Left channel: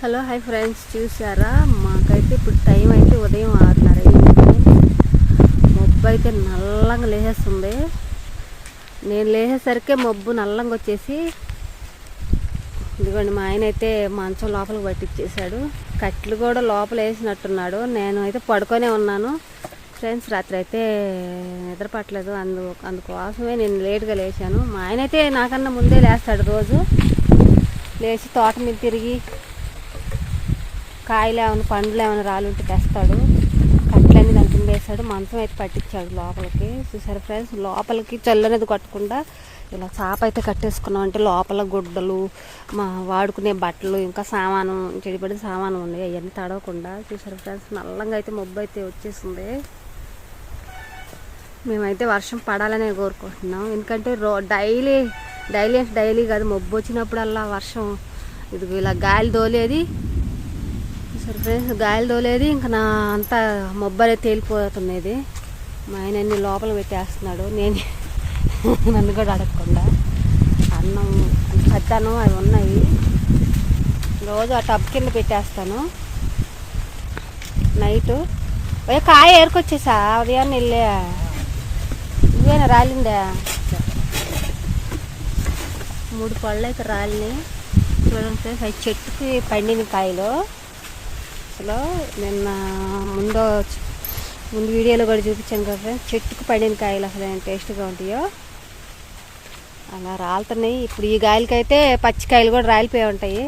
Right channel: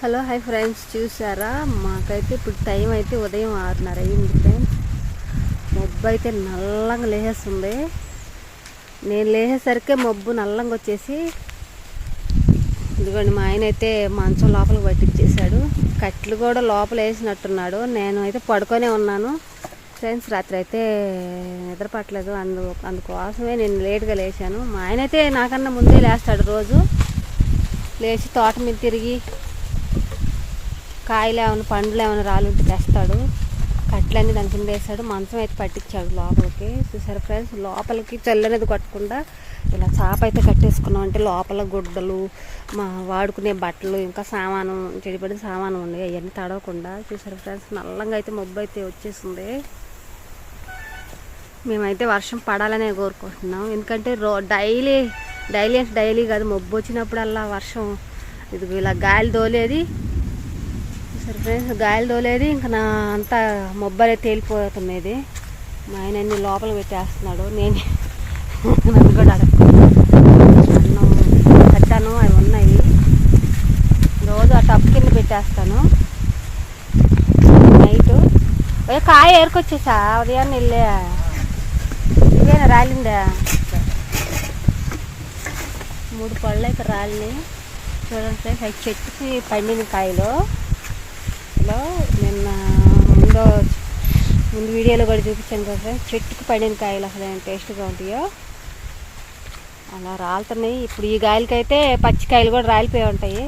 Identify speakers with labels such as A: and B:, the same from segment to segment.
A: Hello hi friends చూసారా? మాకైతే ఇప్పుడు టైం అయితే ఉదయం ఆరున్నర అయింది ఫ్రెండ్స్. మబ్బు అయితే నల్లంగా లేసేస్తుంది. నేను లేచేసరికి మబ్బు నల్లంగా వచ్చేసి ఇదిగోండి మా ఆయన అయితే మంచం లోపలికి పట్టించేశాడు. కట్లు కూడా లోపల వేసినట్టున్నాడు. నేను అయితే పడుకొనే ఉన్నాను. ఫ్రెండ్స్ రాత్రి అయితే నిద్రపట్టలేదు. అందు అందుకోసమే నేను లేట్గా లేచాను. మా ఆయన అయితే నాకన్నా ముందే లేస్తాడు రోజు. లేచి తోట మీద తిరిగి కాయలు ఏమైనా పండ్లు ఏమైనా రాలుంటే తెస్తాడు. కట్లన్నీ దాని కింద వేసాడు మంచం అయితే పట్టించాడు లోపలికి. చూసారు ఫ్రెండ్స్ లోపలికి చల్లనేది కొట్టకుండా ఇలా చాప అయితే కట్టేసుకున్నాం. అంటే లోపల గుడ్డలు మా వాడుకునే బట్టలు ఇంకా సామాను చెడిపడిన సామాను ఉన్నాయి. అవన్నీ తడవకుండా చూసారు ఫ్రెండ్స్ నల్లంగా అయితే మబ్బు అయితే వచ్చేసింది. మేమైతే వర్షం పడాలనే కోరుకుంటున్నాం. ఎందుకంటే రో డైలీ డైలీ అంటే డైలీ కాదు మబ్బు వచ్చినప్పుడల్లా వర్షం. ఇది ఇలా గాలి తోలేది. చూసారు ఫ్రెండ్స్? గాయలు తోలేది ఇంకా నా అంతా మొబ్బలే తేలిపోతున్నది. మా ఆయన అన్ని లోపల పెట్టేస్తున్నాడు. నేను నన్ను కూడా అడగకుండా అన్నం కట్టాను అవి ఉన్నాయి. రోజు ఆ టప్ కింద పెట్టేస్తాను. నైట్. ఏ కాయ ఏరుకొచ్చేసా? ఉదయాన్నే వెళ్ళే. ఇవేనా రాలిందా? మూడు పళ్ళు అయితే రాలి చూడండి ఫ్రెండ్స్ అవి చెట్టుకి పండిన కాయలు. లో నిన్న ముందు ముందు వీడియోలో కూడా చూపించాను కదా ఫ్రెండ్స్ చెట్టుకు పడిన కాయలు అసలు ఎంత టేస్ట్గా ఉంటాయో? అలా రాలుతున్నాయి. ఇప్పుడు ఈ కాయలకైతే పచ్చికాయలు కూడా రాలిపోయి ఉంటాయి.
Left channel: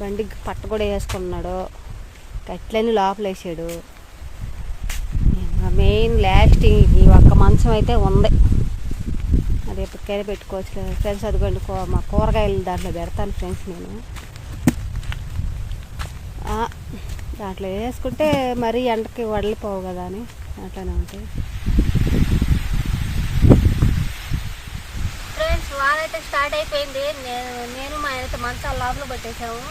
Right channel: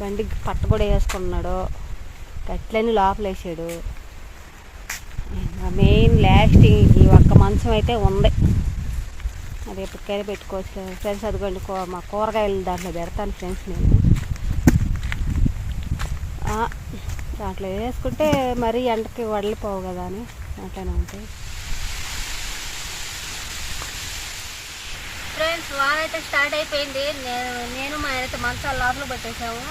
A: బండి పట్ట కూడా వేసుకున్నాడు. కట్లని లోపల వేసాడు. మెయిన్ లాస్టింగ్ ఈ ఒక్క మంచం అయితే ఉంది. రేపు ఎప్పటికైనా పెట్టుకోవచ్చు ఫ్రెండ్స్ అదిగోండి మా కూరగాయలు దాంట్లో పెడతాను ఫ్రెండ్స్ నేను. దాంట్లో వేసుకుంటే మరీ ఎండకి వడలిపోవు కదా అని అట్లానే ఉంటాయి. ఫ్రెండ్స్ వారైతే స్టార్ట్ అయిపోయింది. నేను నేను మా ఆయనైతే మంచాలు లోపల పెట్టేసాము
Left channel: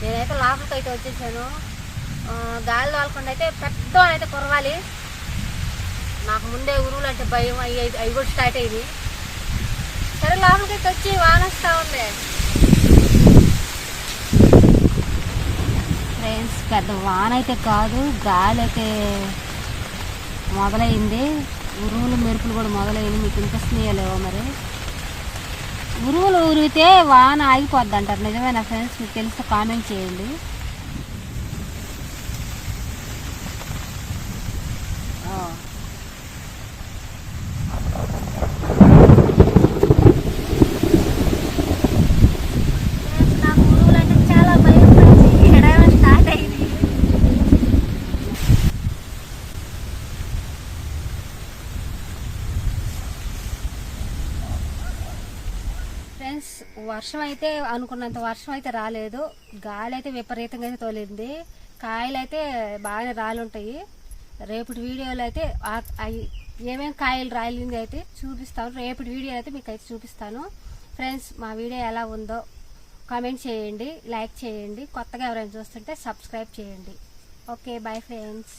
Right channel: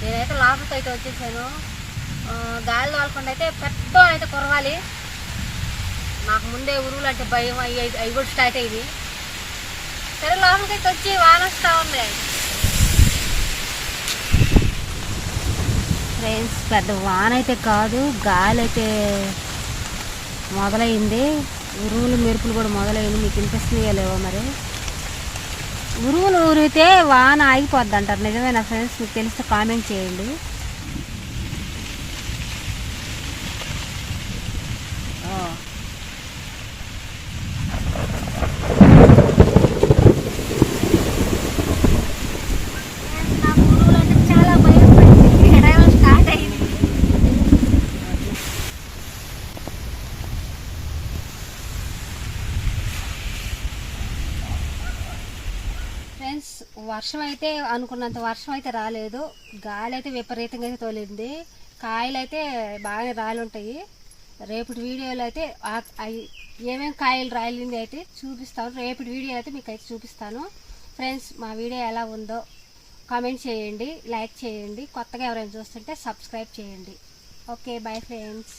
A: నేనైతే లోపలికి అయితే వచ్చేసాను. గాలి తోలకుండా అయితే పెద్ద అయితే కురవాలి. నాకు ముందే ఉరువులు అంటే భయం అవి అవి కూడా స్టార్ట్ అయింది. సరే లోపలికి అయితే వచ్చి వాన వస్తూ ఉంది. ఫ్రెండ్స్ పెద్ద వాన అయితే కాదు గాలి అయితే మొదలైంది. ఉరువులు మెరుపులు కూడా మొదలైంది. మీకు వినిపిస్తున్నాయో లేవో మరి? ఉరువులు ఉరిగితే వాన ఆగిపోద్ది అంటారు. నిజమేనా ఫ్రెండ్స్ మీకు తెలిస్తే కామెంట్ చేయండి నాకు ఉరువులు అంటే చాలా భయం ఫ్రెండ్స్ ఎడమ స్టార్ట్ అయింది ఫ్రెండ్స్ వర్షం అయితే అనుకున్నంత వర్షం అయితే రాలేదు. గాలి అయితే విపరీతంగా అయితే తోలింది. కాయలు అయితే బాగానే రాలుంటాయి. రేపటి వీడియోలో అయితే అవి ఏమేమి కాయలు రాలింది అయితే చూపిస్తాను. రేపటి వీడియో అయితే మీకు అయితే చూపిస్తాను. ఫ్రెండ్స్ మా వీడియో ఎలా ఉందో కామెంట్ చేయండి లైక్ చేయండి. కొత్తగా ఎవరైనా చూస్తుంటే సబ్స్క్రైబ్ చేయండి. Okay bye friends.